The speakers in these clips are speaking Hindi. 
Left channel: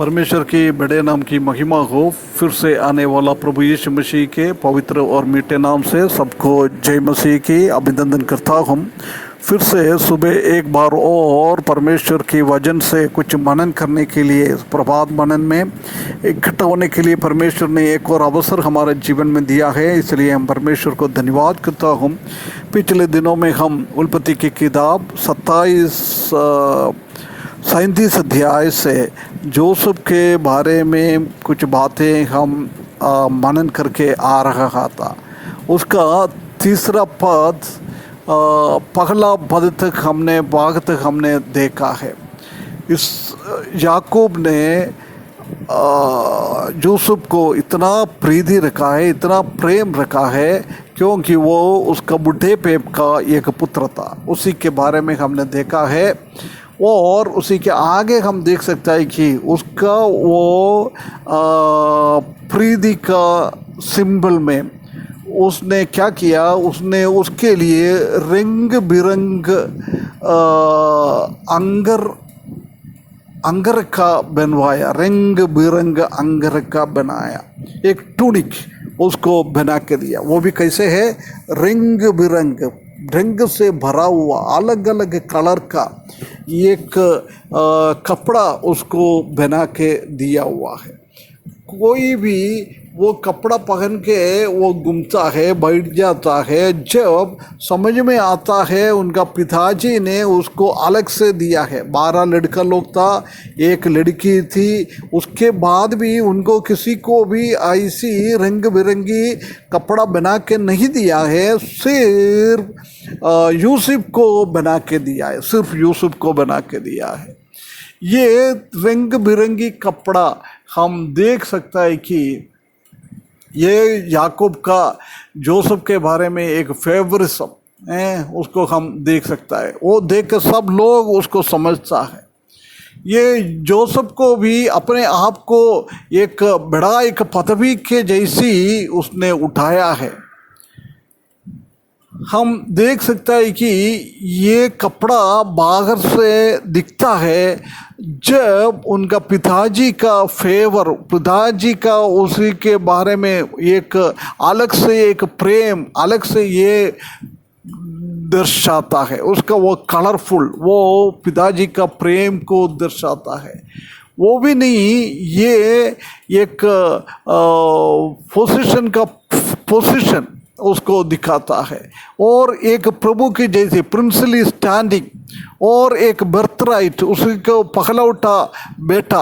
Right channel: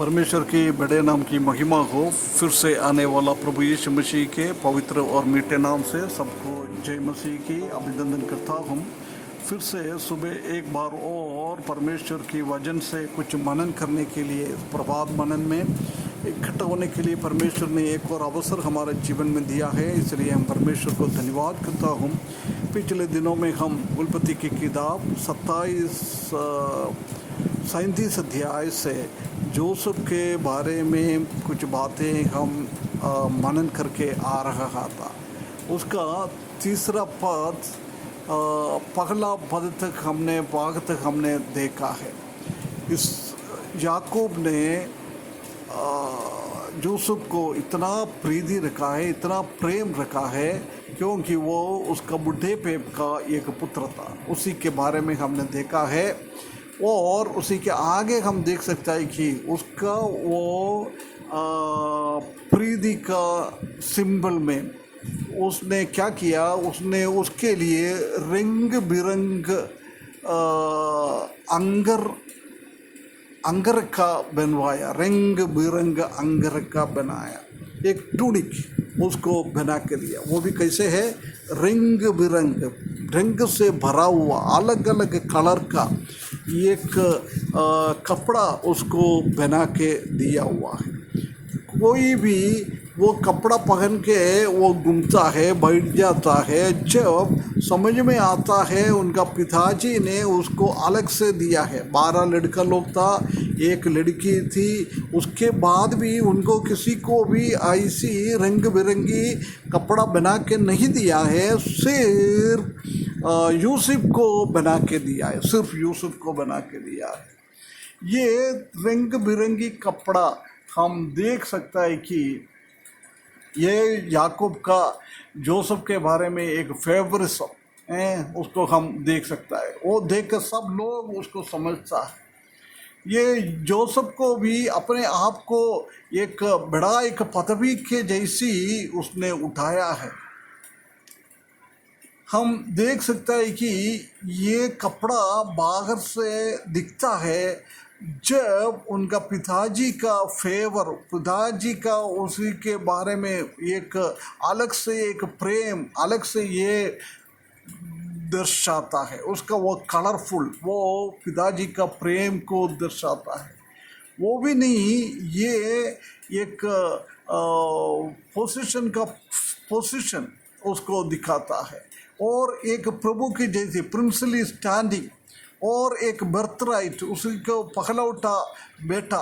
परमेश्वर के बड़े नाम की महिमा हो। फिर से आने वाला प्रभु यीशु मसीह के पवित्र और मीठे नाम से सबको जय मसीह की अभिनंदन करता हूँ। फिर से सुबह एक बार और परमेश्वर के वचन से कुछ मनन करने के लिए, प्रभात मनन में इकट्ठा होने के लिए परमेश्वर ने एक और अवसर हमारे जीवन में दिया है, इसलिए हम परमेश्वर को धन्यवाद करता हूँ। पिछले दिनों में हम उत्पत्ति की किताब 37 अध्याय से जोसेफ के बारे में कुछ बातें हम मनन करके आ रहा था। उसका तीसरा पद, पहला पद तक हमने भाग तक हमने देखा है। इस याकूब ने जोसेफ को इतना प्रीति रखा है, इतना प्रेम रखा है, क्योंकि वो उसका बुढ़ेपे का एक पुत्र था। उसी के बारे में हमने देखा है और उसी के आगे हम देख सकते हैं कि उसका वो प्रीति का सिंबल में उसने क्या किया, उसने उसके लिए रंग बिरंग अंगर का बनवाया, रंग बिरंग अंगर का बनाया, एक टूनिक उसको बना के दिया। वो भी कैसे है, रंग बिरंग, रंग से भरा हुआ अलग अलग कलर का एक कपड़ा उसको बना के दिया हुआ है। कोई भी वो कपड़ा पहन के वो घूमता है, बैठ जाता है, जब समझ में आता है उनका पिताजी ने उसको अलग से दिया है। 12 लड़का लोग था, एक लड़की थी, उसके बाद भी उनको किसी को भी ऐसी रंग बिरंगी कपड़ा बना के नहीं दिया है, सिर्फ यूसुफ को बना के दिया है, सिर्फ यूसुफ को बना के दिया है। ये रंग बिरंगी कपड़ा हम देख सकता है कि ये याकूब का जोसेफ के बारे में एक फेवरिज्म है, उसको हम देख सकता है। वो देख कर सब लोग उसको समझता है। ये जोसेफ को भी अपने आप को एक बड़ा एक पदवी के जैसी उसने उठाया है। हम देख सकते हैं कि ये कपड़ा बाहर से दिखता है, जब उनका पिताजी का फेवर, पिताजी का उसी के बारे में एक अलग से एक प्रेम, अलग से ये दर्शाता है। उसका वो कलरफुल, वो पिताजी का प्रेम को दर्शाता है। वो भी नहीं, ये एक पोजीशन उसको दिखाता है, और एक प्रभु की जैसी प्रिंसली स्टैंडिंग, और एक बर्थराइट, उसी को पहलौठा बेटा,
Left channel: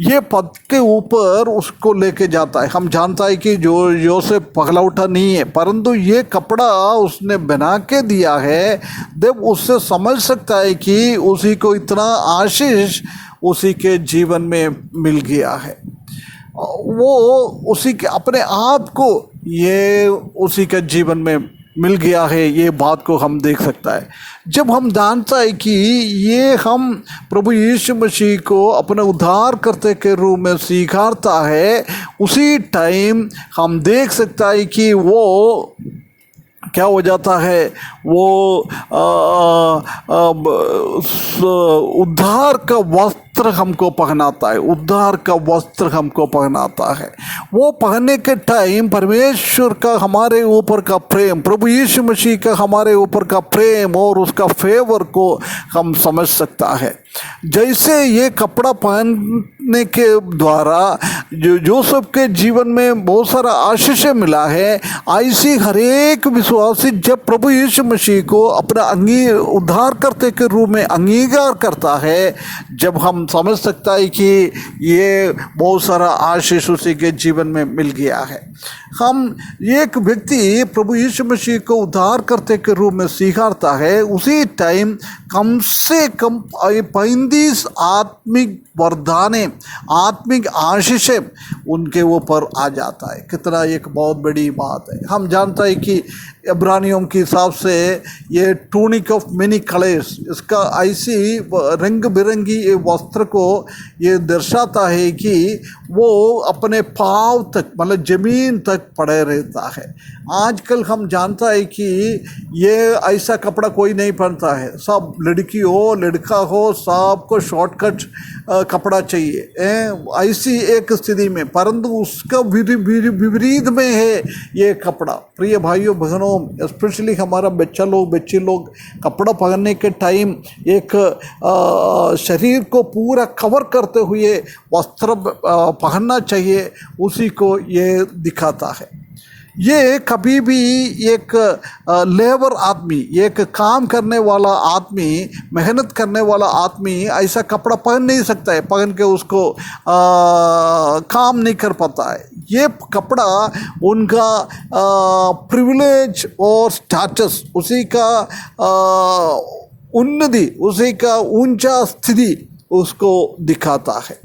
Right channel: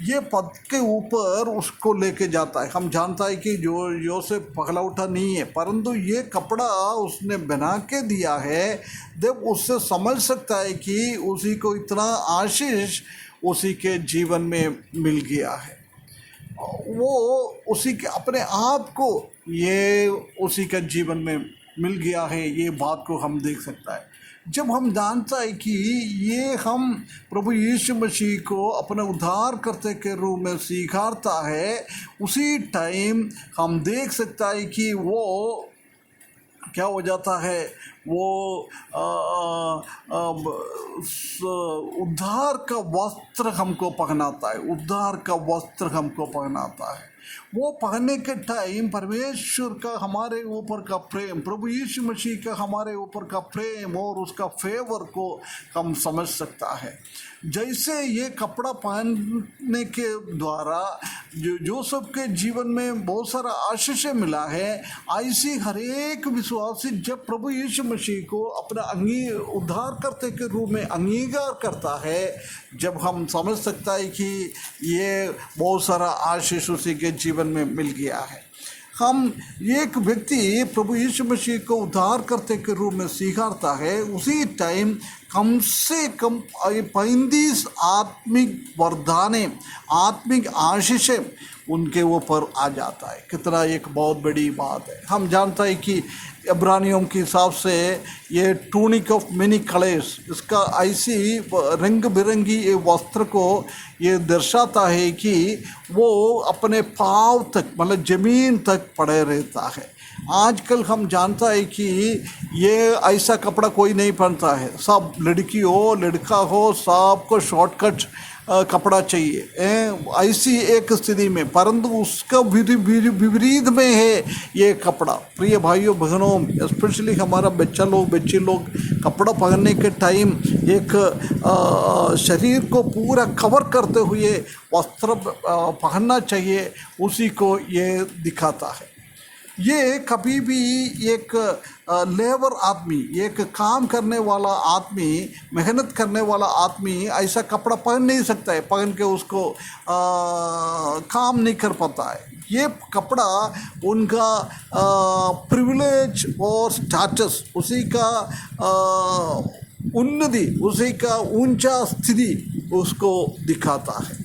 ये पद के ऊपर उसको लेके जाता है। हम जानता है कि जो योसेफ पहलौठा नहीं है, परंतु ये कपड़ा उसने बना के दिया है। जब उससे समझ सकता है कि उसी को इतना आशीष उसी के जीवन में मिल गया है, वो उसी के अपने आप को ये उसी के जीवन में मिल गया है। ये बात को हम देख सकता है जब हम जानता है कि ये हम प्रभु यीशु मसीह को अपने उद्धार करते के रूप में स्वीकारता है। उसी टाइम हम देख सकता है कि वो क्या हो जाता है, वो उद्धार का वस्त्र हमको पहनाता है, उद्धार का वस्त्र हमको पहनाता है। वो पहनने के टाइम परमेश्वर का हमारे ऊपर का प्रेम, प्रभु यीशु मसीह का हमारे ऊपर का प्रेम और उसका फेवर को हम समझ सकता है। जैसे ये कपड़ा पहनने के द्वारा जो जोसेफ के जीवन में बहुत सारा आशीष मिला है, ऐसी हर एक विश्वासी जब प्रभु यीशु मसीह को अपना उद्धार करते के रूप में अंगीकार करता है, जब हम समझ सकता है कि ये बहुत सारा आशीष उसी के जीवन में मिल गया है। हम एक व्यक्ति प्रभु यीशु मसीह को उद्धार करते के रूप में स्वीकारता है, उसी टाइम कम से कम 35 आत्मिक वरदाने, आत्मिक आशीषें उनके ऊपर आ जाता है। कितना एक बहुत बड़ी बात है। हम जानता है कि इब्रानियों के हिसाब से ये टूनिक ऑफ मेनी कलर्स, इसका ऐसी रंग बिरंगी ये वस्त्र को ये दर्शाता है कि वो अपने पाँव तक, मतलब ज़मीन तक पड़े रहता है। आजकल हम जानता है कि ये ऐसा कपड़ा कोई नहीं पहनता है। सब लड़की हो लड़का हो, सबको शॉर्टकट कपड़ा चाहिए, ऐसी एक स्थिति में, परंतु उसका विपरीत में है ये कपड़ा। प्रिय भाइयों बहनों, स्पेशली हमारा बच्चे लोग कपड़ा पहनने के टाइम एक शरीर को पूरा कवर करते हुए वस्त्र पहनना चाहिए, उसी को ये दिखाता है। ये कभी भी एक लेबर आदमी, एक काम करने वाला आदमी, मेहनत करने वाला आदमी ऐसा कपड़ा पहन नहीं सकता है, पहन के उसको काम नहीं कर पाता है। ये कपड़ा उनका प्रिविलेज और स्टेटस, उसी का उन्नति, उसी का ऊंचा स्थिति उसको दिखाता है।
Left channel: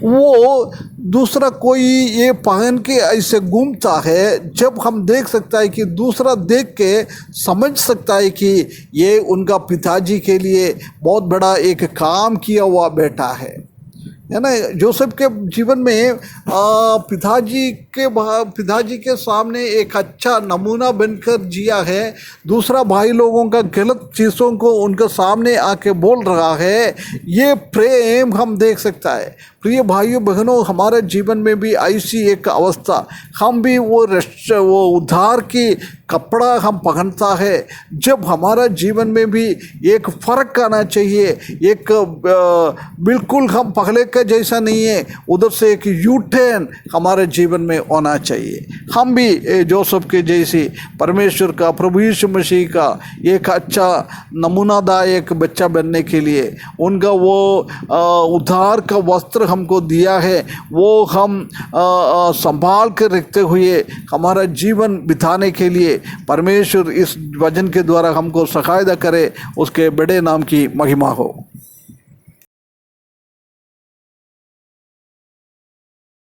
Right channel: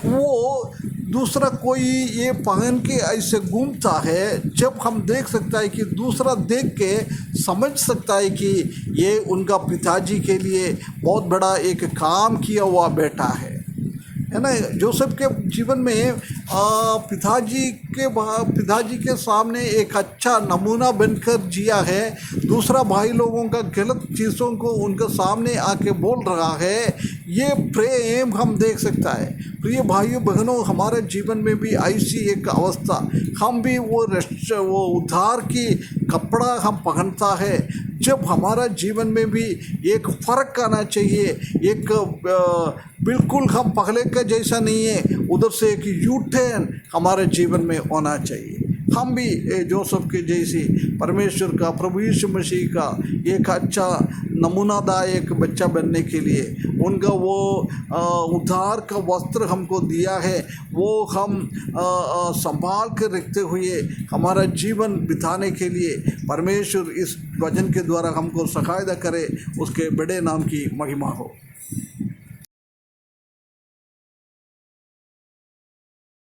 वो दूसरा कोई ये पहन के ऐसे घूमता है, जब हम देख सकता है कि दूसरा देख के समझ सकता है कि ये उनका पिताजी के लिए बहुत बड़ा एक काम किया हुआ बेटा है ना। जोसेफ के जीवन में पिताजी के सामने एक अच्छा नमूना बनकर जिया है। दूसरा भाई लोगों का गलत चीज़ों को उनके सामने आके बोल रहा है, ये प्रेम हम देख सकता है। प्रिय भाइयों बहनों, हमारे जीवन में भी ऐसी एक अवस्था, हम भी वो उद्धार की कपड़ा हम पहनता है, जब हमारा जीवन में भी एक फ़र्क आना चाहिए। एक बिल्कुल हम पहले का जैसा नहीं है, उधर से एक यू टर्न हमारे जीवन में होना चाहिए। हम भी जोसेफ के जैसे परमेश्वर का, प्रभु यीशु मसीह का एक अच्छा नमूनादायक बच्चा बनने के लिए उनका वो उद्धार का वस्त्र हमको दिया है, वो हम संभाल कर रखते हुए हमारा जीवन बिताने के लिए परमेश्वर इस वचन के द्वारा हमको सहायता करे। उसके बड़े नाम की महिमा हो।